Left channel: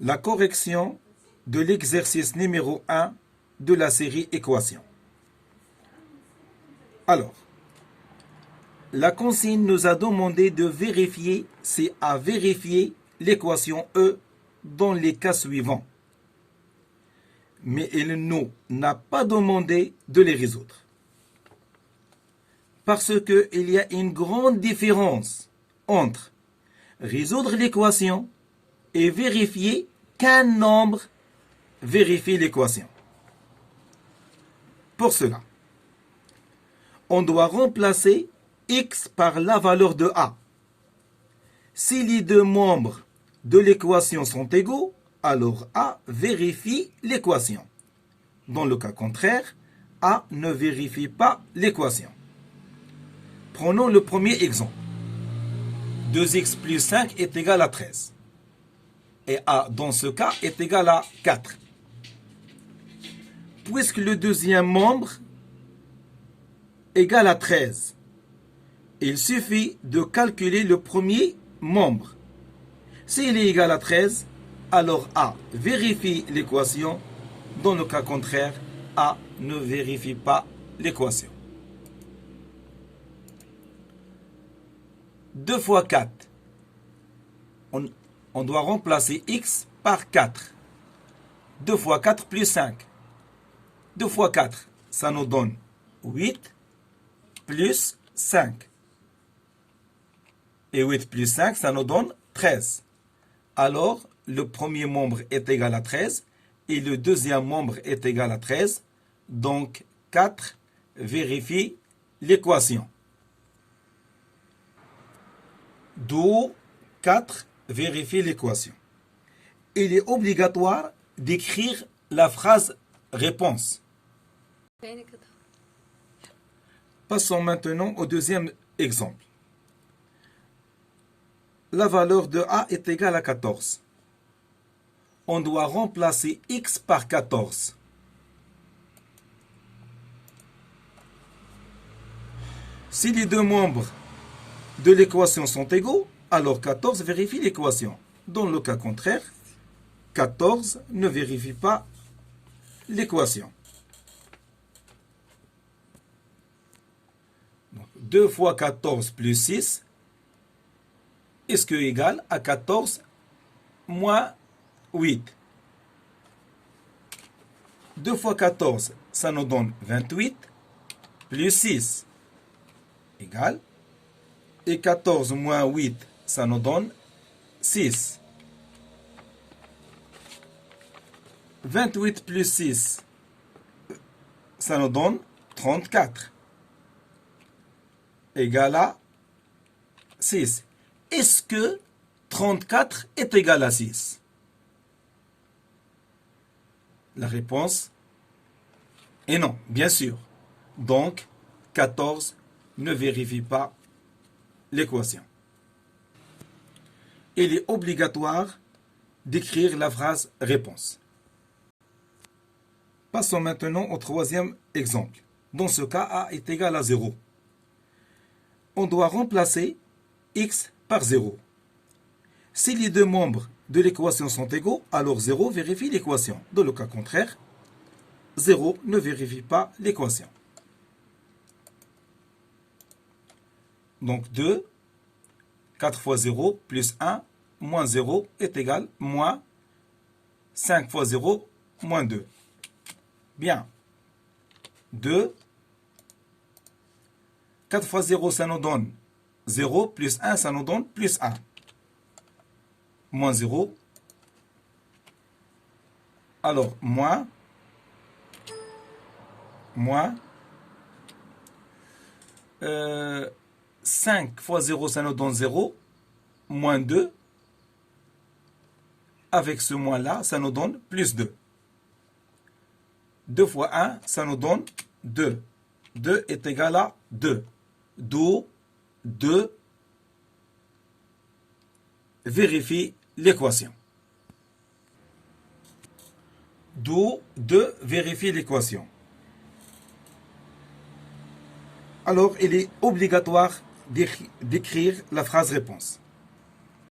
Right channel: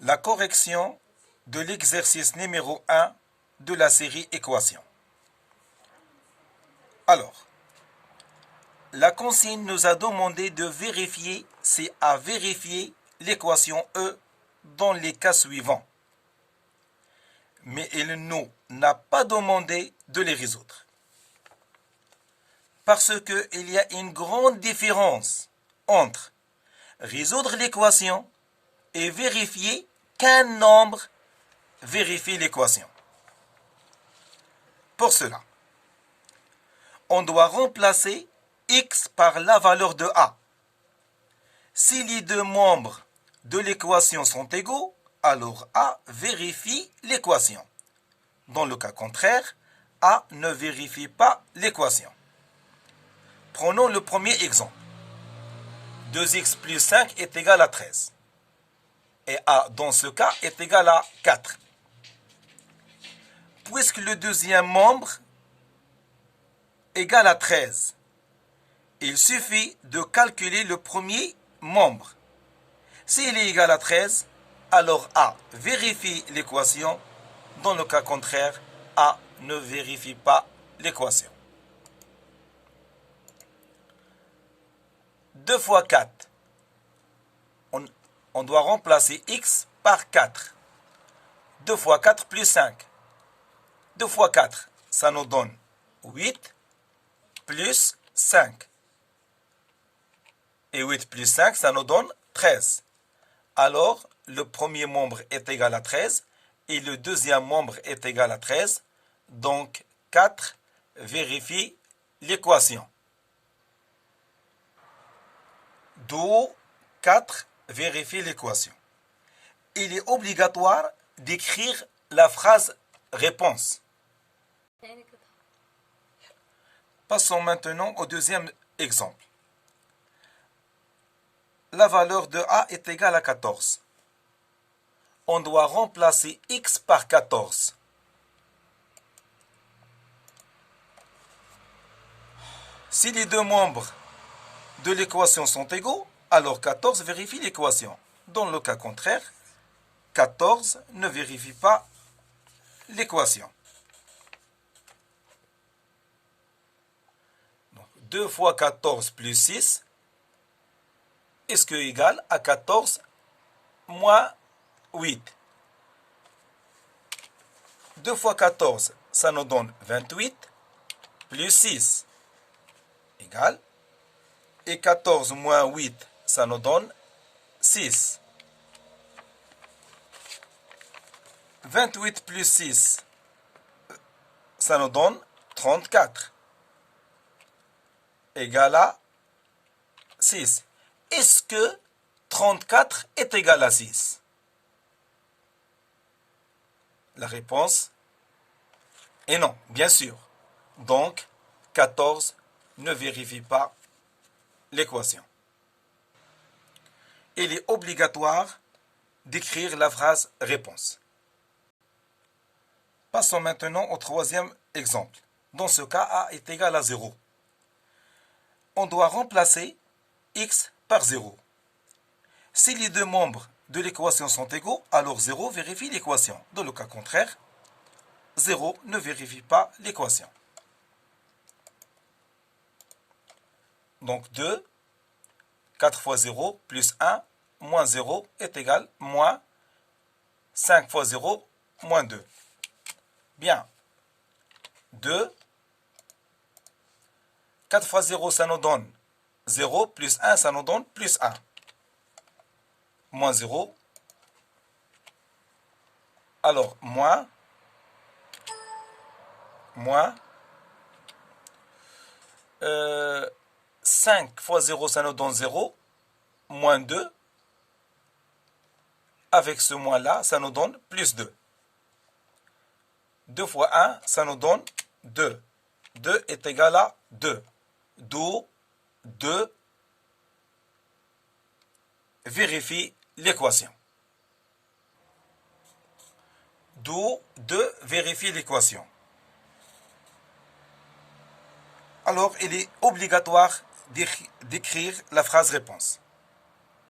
La correction de l'exercice numéro 1 de la série équations. Alors, la consigne nous a demandé de vérifier si à vérifier l'équation E dans les cas suivants. Mais elle ne nous n'a pas demandé de les résoudre. Parce qu'il y a une grande différence entre résoudre l'équation et vérifier qu'un nombre vérifie l'équation. Pour cela, on doit remplacer x par la valeur de a. Si les deux membres de l'équation sont égaux, alors a vérifie l'équation. Dans le cas contraire, a ne vérifie pas l'équation. Prenons le premier exemple. 2x plus 5 est égal à 13. Et a, dans ce cas, est égal à 4. Puisque le deuxième membre est égal à 13, il suffit de calculer le premier membre. S'il est égal à 13, alors a vérifie l'équation. Dans le cas contraire, a ne vérifie pas l'équation. 2 fois 4. On doit remplacer x par 4. 2 fois 4 plus 5. 2 fois 4, ça nous donne 8 plus 5. Et 8 plus 5, ça nous donne 13. Alors, le premier membre est égal à 13 et le deuxième membre est égal à 13. Donc, 4 vérifie l'équation. D'où 4 vérifie l'équation. Il est obligatoire d'écrire la phrase réponse. Passons maintenant au deuxième exemple. La valeur de a est égale à 14. On doit remplacer x par 14. Si les deux membres de l'équation sont égaux, alors 14 vérifie l'équation. Dans le cas contraire, 14 ne vérifie pas l'équation. 2 fois 14 plus 6, est-ce que égal à 14 moins 8? 2 fois 14, ça nous donne 28, plus 6, égal. Et 14 moins 8, ça nous donne 6. 28 plus 6, ça nous donne 34. Égal à 6. Est-ce que 34 est égal à 6? La réponse est non, bien sûr. Donc, 14 ne vérifie pas l'équation. Il est obligatoire d'écrire la phrase réponse. Passons maintenant au troisième exemple. Dans ce cas, a est égal à 0. On doit remplacer x par 0. Si les deux membres de l'équation sont égaux, alors 0 vérifie l'équation. Dans le cas contraire, 0 ne vérifie pas l'équation. Donc 2, 4 fois 0 plus 1 moins 0 est égal à moins 5 fois 0 moins 2. Bien. 2, 4 fois 0, ça nous donne 0, plus 1, ça nous donne plus 1. Moins 0. Alors, moins 5 fois 0, ça nous donne 0. Moins 2. Avec ce moins-là, ça nous donne plus 2. 2 fois 1, ça nous donne 2. 2 est égal à 2. D'où 2 vérifie l'équation. D'où 2 vérifie l'équation. Alors, il est obligatoire d'écrire la phrase réponse.